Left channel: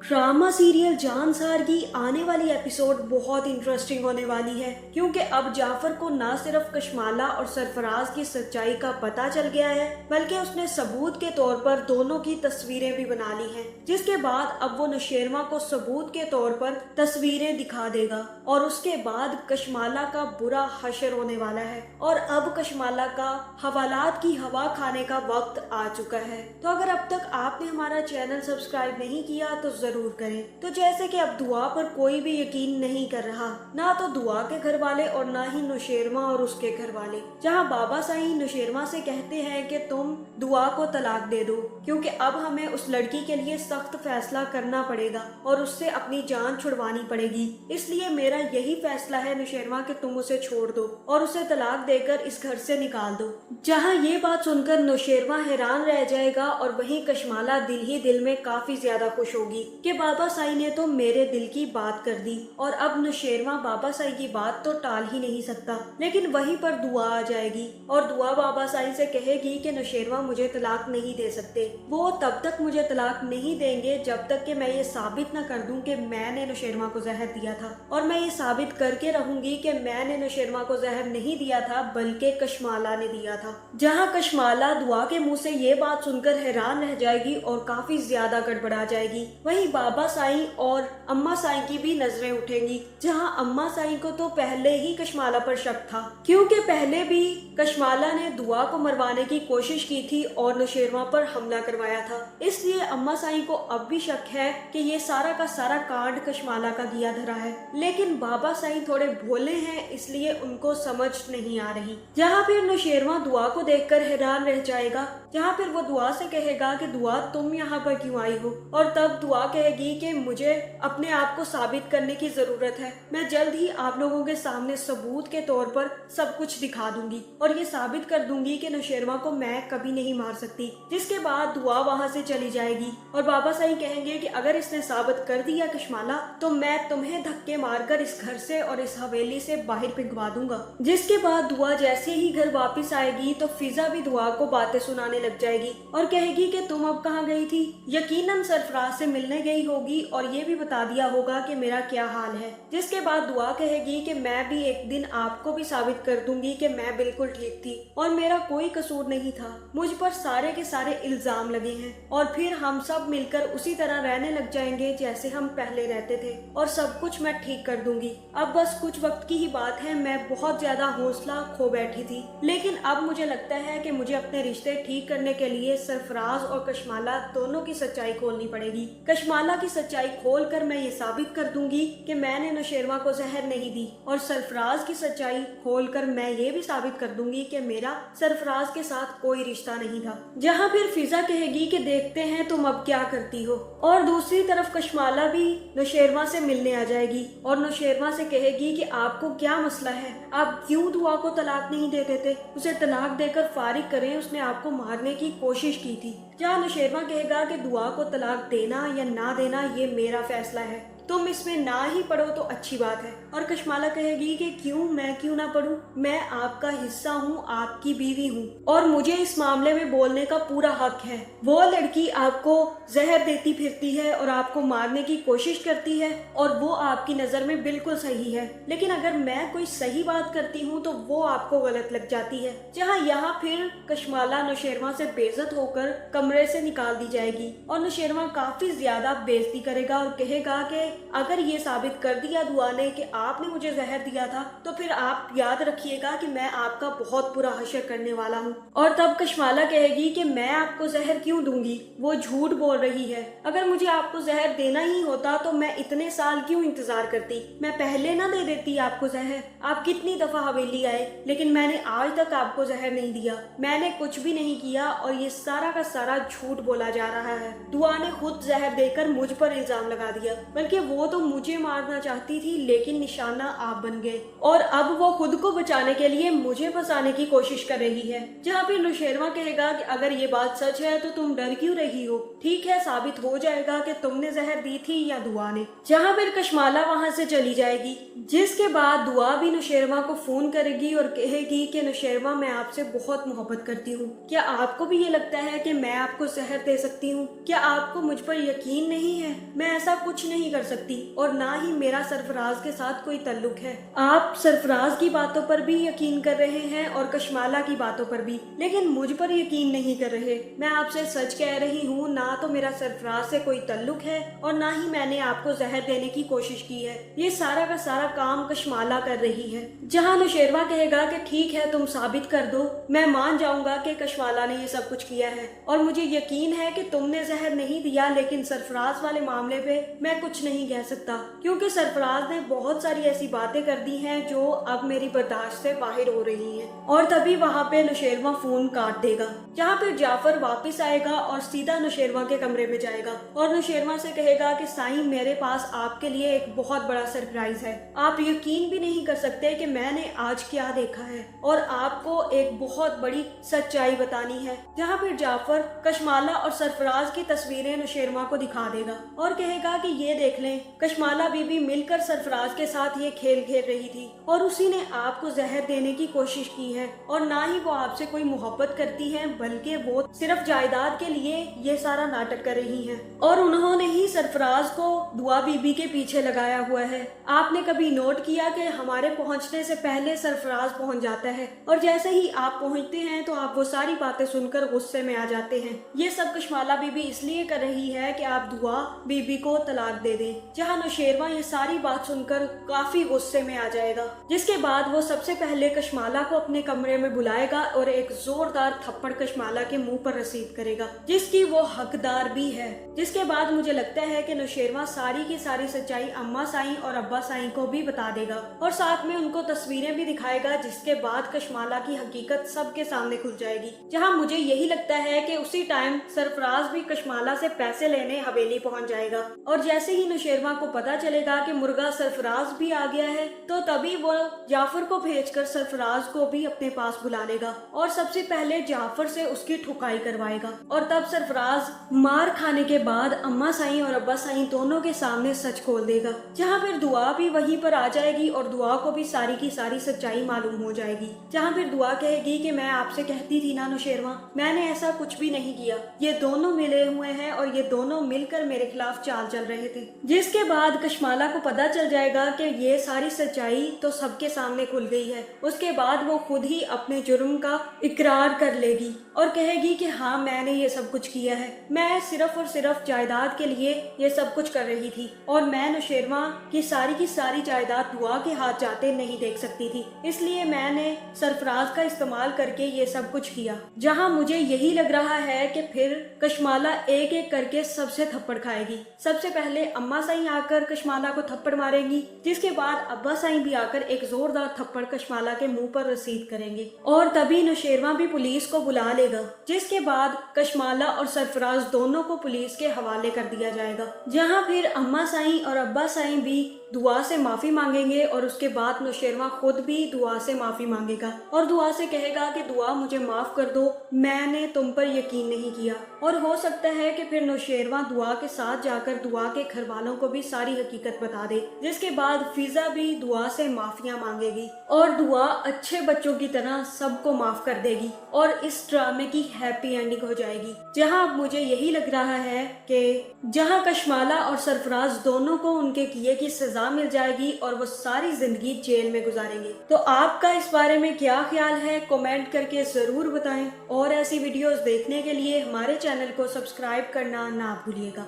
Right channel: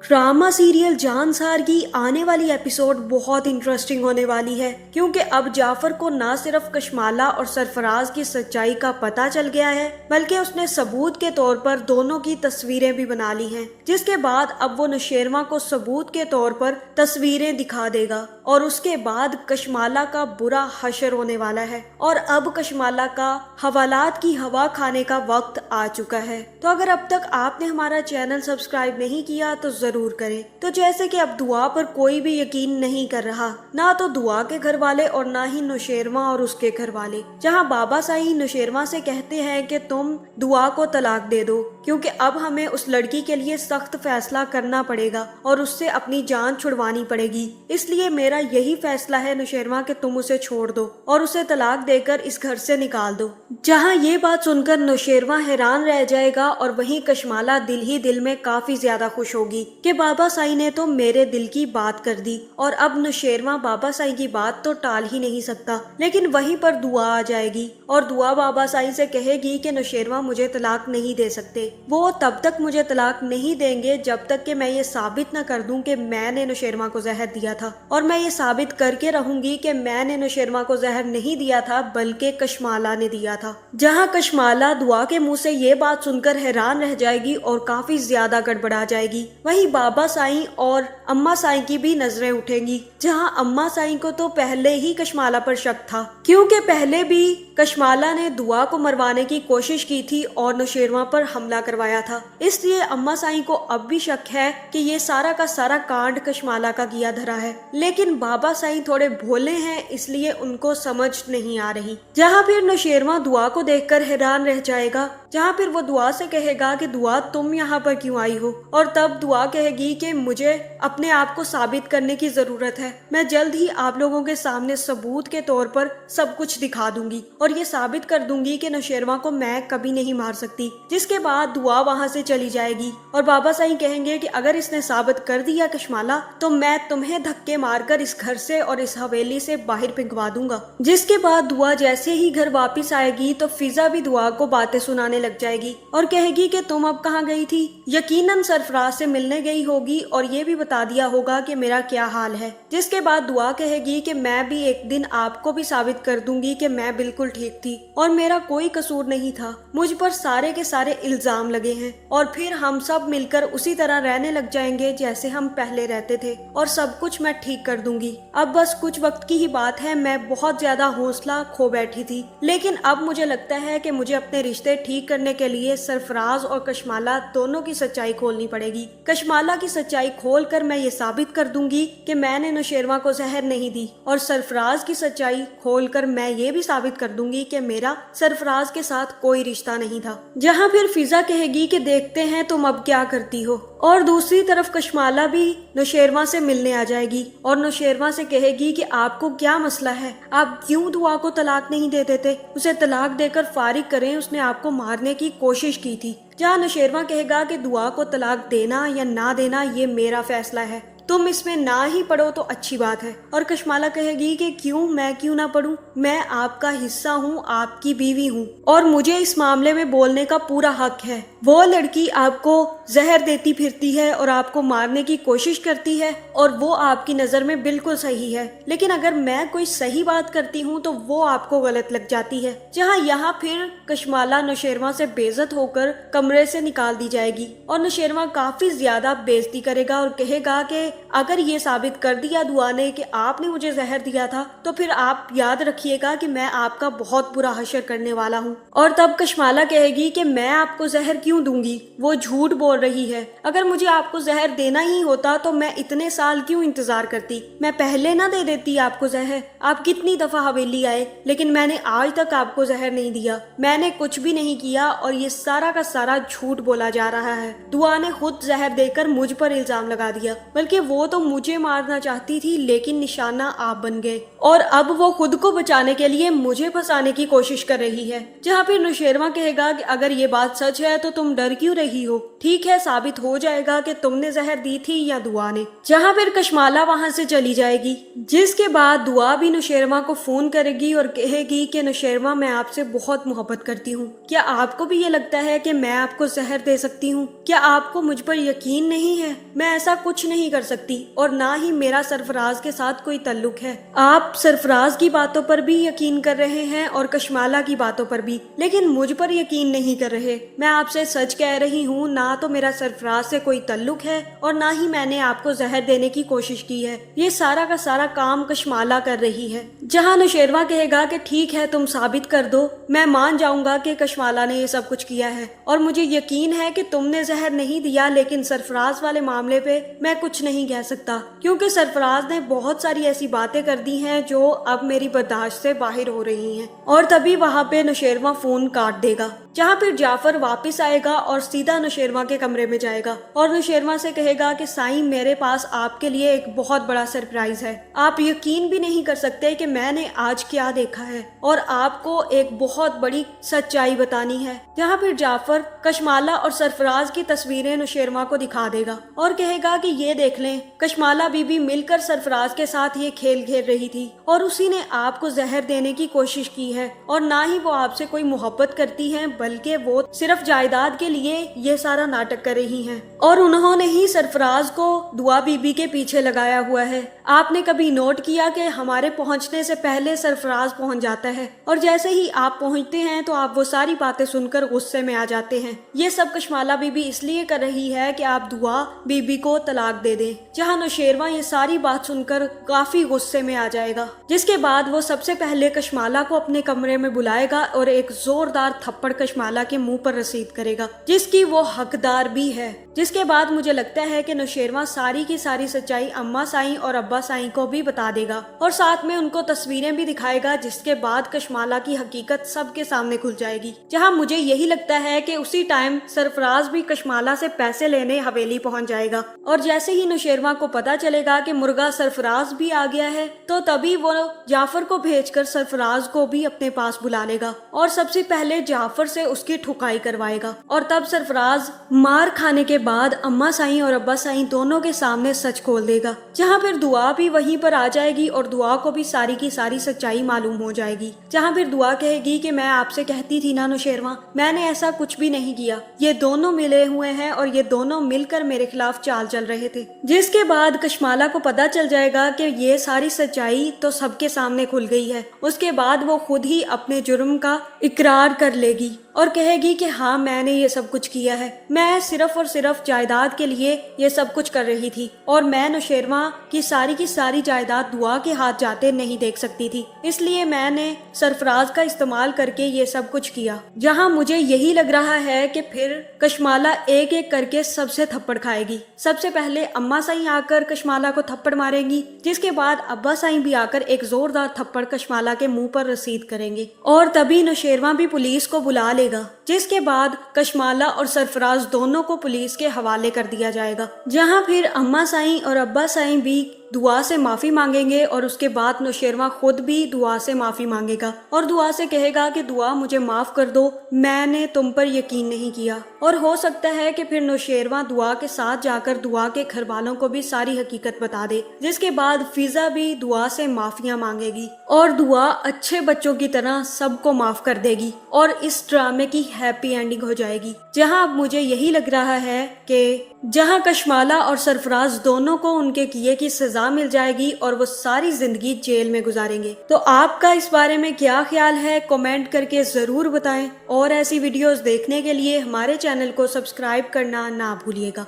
Drama serial Jansar की आने वाली एपिसोड बहुत इंटरेस्टिंग होने वाली है, क्योंकि अब जाफर को न सिर्फ कशमाला और सरफराज की सच्चाई का पता चल गया है, बल्कि उसने सबूत के तौर पर दोनों की तस्वीरें भी बना ली हैं, जिसके बाद अब वो नौशेरमा को सबूत के तौर पर तस्वीरें दिखा देगा और उसके बाद कशमाला का बुरा हशर होने वाला है और अब कशमाला का हवालात की हवा खाने का वक्त आ चुका है। तो अगर अब तक आपने हमारा चैनल सब्सक्राइब नहीं किया तो जरूर करें। तो जैसे कि अब दुआ पर कोई भी यकीन नहीं कर रहा, ना तो दुआ के घर वाले और ना ही नौशेरमा और उसके घर वाले, जहां बाबा साईं नौशेरमा से कहते हैं कि तुम दुआ को तलाक दे दो, क्योंकि अब हमें उस लड़की के लिए सख्त फैसला करना पड़ेगा और उससे अपनी जान छुड़वानी पड़ेगी। इसलिए मेरा यही फैसला है नौशेरमा कि तुम उसे छोड़ दो और उसे तलाक देकर इस घर से निकाल दो। जहां ये बात सुनकर नौशेरमा हैरान रह जाएगा और वहीं कशमाला दिल ही दिल में काफी ज्यादा खुश होगी कि बाबा साईं ने तो मेरे दिल की बात कर दी और अब नौशेरमा बाबा साईं की बात तो टाल ही नहीं सकता। लेकिन वहीं पर दुआ आ जाएगी और दुआ बाबा साईं से कहेगी कि नौशेरमा मुझे तलाक नहीं दे सकते, वो तब तक मुझे तलाक नहीं देंगे जब तक कि मैं ये साबित न कर दूं कि मैंने नौशेरमा को जहर दिया था, और मैं ये साबित करके रहूंगी कि मैंने नौशेरमा को जहर नहीं दिया था बल्कि कशमाला ने दिया था। जहां कशमाला दुआ के मुंह से ये बात सुनकर हैरान रह जाएगी और काफी ज्यादा गड़बड़ा जाएगी। वहीं बाबा साईं और अम्मा साईं की भी नजरें उठेंगी, जहां अम्मा साईं को तो पहले ही कशमाला पर शक था, क्योंकि पहले भी कशमाला ने दुआ को मरवाने की कोशिश की थी और नौशेरमा पर हमला करवाया था। इसलिए अम्मा साईं को अब भी शक है कि ये सारा का सारा कांड कशमाला का किया धरा है। लेकिन बाबा साईं थोड़े भोले हैं, इसलिए उनको समझ नहीं आ रही। जहाँ फिर नौशेरमा दुआ को देखकर हैरान रह जाएगा, जहाँ फिर वो दुआ से कहेगा कि दुआ तुम यहाँ पर क्यों आई हो, और तब दुआ कहेगी कि मुझे अपने आप को साबित करने की जरूरत है, मैं जल्द ही आप लोगों के सामने सबूत के तौर पर सब कुछ दिखा दूंगी और ये साबित कर दूंगी कि नौशेरमा को मैं कभी नहीं मार सकती। जिसके बाद दुआ वहाँ से चली जाएगी और बाबा साईं कहेंगे कि अगर इसने साबित कर दिया कशमाला, तो मैं तुम्हें धक्के मारकर इस घर से और इस हवेली से बाहर फेंकवा दूंगा। जिसके बाद दुआ जैसे ही घर वापस आएगी तो फिजा भी दुआ को बातें सुनाने लग जाएगी और कहेगी कि तुम अब कहाँ गई थी। यकीनन सरफराज से मिलने गई होगी और ये भी बता दिया होगा कि मेरा क्या हाल है। जिसके बाद दुआ कहेगी कि मैं भी एक दिन आपको भी साबित कर दूंगी कि मैं बिल्कुल ठीक थी और मेरा कोई कसूर नहीं था, मुझ पर सारे के सारे इल्जाम लगे हैं, और फिर हम सब मिलकर उसी तरह रहने लग जाएंगे जैसे हम पहले रहते थे और सब कुछ मैं ठीक कर दूंगी। अब बस कुछ वक्त की ही बात है, मैं बहुत ज्यादा हौसला खो बैठी थी, लेकिन अब मुझे लगता है कि मुझे अपने रिश्ते ठीक करने के लिए सरफराज और कशमाला दोनों की सच्चाई खोलनी पड़ेगी। कशमाला की सच्चाई खोलकर मैं ये साबित कर दूंगी कि मैंने नौशेरमा को जहर नहीं दी, और सरफराज की सच्चाई खोलकर मैं ये भी साबित कर दूंगी कि मेरा सरफराज के साथ कोई रिश्ता नहीं था। जहाँ फिर फिजा कहेगी कि देखते हैं तुम अब क्या करती हो, और दूसरी तरफ कशमाला भी नौशेरमा से मिलने आ जाएगी और नौशेरमा से कहेगी कि आपको क्या मसला है, आप क्यों दुआ को तलाक नहीं दे देते, उसे तलाक देकर फारिग करें, उसने आपको मारने की कोशिश की थी। जहाँ नौशेरमा कहेगा कि दुआ को तलाक देना या ना देना ये मेरा फैसला है, तुम इसमें ना ही पढ़ो तो अच्छी बात है। और कशमाला कहेगी कि क्यों, मैं क्यों ना पढ़ूं, मैं आपका हिस्सा हूँ, आपकी बीवी हूँ और मुझे इस मामले में बोलने का पूरा हक है। वो लड़की आपको जहर देती फिरती है और आपको मारने की कोशिश करती है और वो आपकी नजर में बिल्कुल सही है, लेकिन अगर मैं कोई सही बात करती हूँ तो वो आपको गलत लग जाती है। जहाँ यहाँ फिर कशमाला नौशेरमा से बेइज्जत होकर कमरे से निकाल दी जाएगी और नौशेरमा काफी ज्यादा बेइज्जती करेगा और कहेगा कि अगर ये साबित कर दिया दुआ ने कि आपने मुझे जहर दिया था, तो फिर आप याद रखिएगा कि मैं आपका बहुत बुरा हशर करने वाला हूँ। और तब कशमाला कहेगी कि मैं आपको जहर क्यों दूंगी, वो झूठ बोल रही है, अगर मुझे आपको जहर देना ही होता तो मैं इतने साल क्यों इंतजार करती, मैं पहले ना दे देती आपको जहर। आप कितनी दफा हवेली आए, लेकिन मैंने आज तक आपको जहर नहीं दिया, मैंने कुछ भी नहीं किया और ये सारा का सारा झूठ बोला जा रहा है। दुआ ने खुद जहर देकर मुझ पर इल्जाम लगा दिया, बल्कि वो तो मुझे मारना चाहती थी लेकिन निशाना आप बन गए और अब वो खुद को बचाने के लिए मुझे फंसाने की कोशिश कर रही है। जहाँ फिर नौशेरवा कहेगा कि अगर ये बात सच है तो तुम डर क्यों रही हो, ठीक है साबित हो जाएगा कि तुमने जहर दी थी या दुआ ने। जहाँ फिर कशमाला वहाँ से चली जाएगी, जिसके बाद दुआ भी नौशेरवा को फोन करेगी और कहेगी कि नौशेरवा मैं आपसे बहुत मोहब्बत करती हूँ, क्या आपको भी ये लगता है कि मैं आपको जहर दे सकती हूँ? क्या आपको मुझ पर यकीन नहीं है? मैं ऐसा कुछ नहीं कर सकती और ना ही मेरा सरफराज के साथ कोई ताल्लुक है। आप सरफराज की बातों पर भी यकीन कर रहे हैं और कशमाला की बातों पर भी, लेकिन मुझ पर यकीन नहीं कर रहे। मैं आपसे सच कह रही हूँ, ना तो मेरा सरफराज से कोई ताल्लुक है और ना ही मैंने आपको जहर देने की कोशिश की है। ये सारा का सारा काम कशमाला कर रही है। जहाँ नौशेरवा कहेगा कि ठीक है तुम साबित कर दो, मैं मान जाऊंगा कि कशमाला ने ये सब कुछ किया है और मुझे यकीन है कि तुमने जहर नहीं दिया, लेकिन सरफराज वाले मामले पे मैं कुछ नहीं कह सकता क्योंकि सरफराज ने बहुत सारी ऐसी बातें कर दी हैं जो अब मेरी बर्दाश्त से बाहर हो रही हैं। और तभी वहाँ पे नौशेरवा फोन काट देगा। जहाँ फिर जाफर वापस आएगा और सीधा नौशेरवा के कमरे में जाएगा और नौशेरवा से कहेगा कि साईं मेरे पास आपके लिए एक बहुत बड़ा सरप्राइज है। आप यकीन भी नहीं कर सकते कि मैंने आज क्या देखा है और आपको एक बहुत बड़ी सच्चाई बतानी है। जहाँ फिर जाफर कशमाला और सरफराज की तस्वीरें नौशेरवा को दिखा देगा और कहेगा कि ये देख लें, कशमाला बीबी मिलकर सरफराज के साथ ये खेल खेल रही थी और उसी ने आपको जहर देने की कोशिश की है और ना ही वो आपसे कोई मोहब्बत करती हैं, बल्कि वो सिर्फ जायदाद के लिए ये सारा नाटक कर रही हैं और उन्होंने ही सरफराज को दुआ बीबी के पीछे लगाया हुआ है। आपने कभी नोट किया कि हमारे पहुंचने से पहले सरफराज पहुंच जाता है और जैसे ही आप पहुंचते हैं तो आप वो सारी बातें सुनकर गुस्से में आ जाते हैं। ये सब कशमाला बीबी इसलिए कर रही है कि आप दुआ बीबी को तलाक दे दें। जहाँ नौशेरवा ये सारी बात सुनकर काफी गुस्से में आ जाएगा, जिसके बाद वो सबसे पहले कशमाला को अपने कमरे में बुलाएगा और एक जोरदार थप्पड़ कशमाला के मुंह पर रसीद करेगा, जिसकी वो हकदार भी है। जिसके बाद मुझे लगता है कि नौशेरवा सारी की सारी सच्चाई अम्मा साईं और अब्बा साईं को भी बता देगा और साथ में उनको तस्वीरें भी दिखाएगा, जिसके बाद कशमाला की हकीकत सबके सामने खुल जाएगी। जहां मुझे यही लगता है कि उसी टाइम सरफराज भी कशमाला से पैसे लेने हवेली पहुंच जाएगा और जैसे ही नौशेरवा को पता चलेगा कि मुर्गा सरफराज भी आ गया है तो तभी वो जाफर को भेजकर सरफराज को भी अपने पास बुला लेगा और सबसे पहले जाफर से उसकी ठुकाई करवाएगा और तब सरफराज मार खाने के बाद अम्मा साईं और अब्बा साईं दोनों के सामने सच खोल देगा। जहाँ फिर दुआ भी वहीं पर आ जाएगी और दुआ को भी सारी की सारी सच्चाई मालूम हो जाएगी। जहाँ फिर दुआ कहेगी कि मैं आपसे कहती थी ना नौशेरवा, मैंने ऐसा कुछ भी नहीं किया, ये दोनों मिले हुए हैं और ये दोनों मिलकर मेरे खिलाफ चाल चल रहे थे। जिसके बाद कशमाला को पता चल जाएगा कि ये सारी सच्चाई तो सबके सामने खुल गई है। उसके बाद वो खुद ही अपने जुर्म का इकरार कर लेगी और कहेगी कि हाँ मैंने ये सब कुछ किया है, मैं सिर्फ और सिर्फ जायदाद के लिए ये सब कुछ कर रही थी और मैं नौशेरवा की सारी जायदाद दुआ के हाथ जाते नहीं देख सकती थी, इसलिए मैंने सरफराज का इस्तेमाल करके ये सब कुछ किया। जहाँ मुझे यही लग रहा है कि फिर कशमाला एक एक करके सबसे थप्पड़ खाएगी। सबसे पहले अम्मा साईं आकर कशमाला को थप्पड़ मारेंगी, जिसके बाद अब्बा साईं भी आकर एक जोरदार थप्पड़ कशमाला के मुंह पर रसीद करेंगे और तभी नौशेरवा भी पुलिस को बुला लेगा। जिसके बाद कशमाला और सरफराज दोनों को पुलिस के हवाले कर दिया जाएगा। जहाँ फिर अम्मा साईं और अब्बा साईं भी दुआ से माफी मांगेंगे और उसके बाद नौशेरवा खुद भी दुआ से माफी मांगेगा और दुआ से कहेगा कि दुआ मुझे माफ कर दो, मैंने तुम पर यकीन नहीं किया। और हो सकता है कि फिर नौशेरवा दुआ के साथ जाकर दुआ के घर वालों को भी सारी हकीकत बता दे, जिसके बाद फिजा भी दुआ से माफिया मांगेगी और दुआ अच्छे बच्चों की तरह सबको माफ कर देगी और इस ड्रामे की हैप्पी एंडिंग हो जाएगी। जहां अब मुझे यही लग रहा है कि जहां कशमाला और सरफराज दोनों को उनके किए की सजा मिल जाएगी और वो सारी जिंदगी जेल में गुजारेंगे। तो आपका इस बारे में क्या ख्याल है, कमेंट करके जरूर बताएं और ऐसी वीडियोस देखने के लिए हमारे चैनल को सब्सक्राइब करना ना भूलिएगा।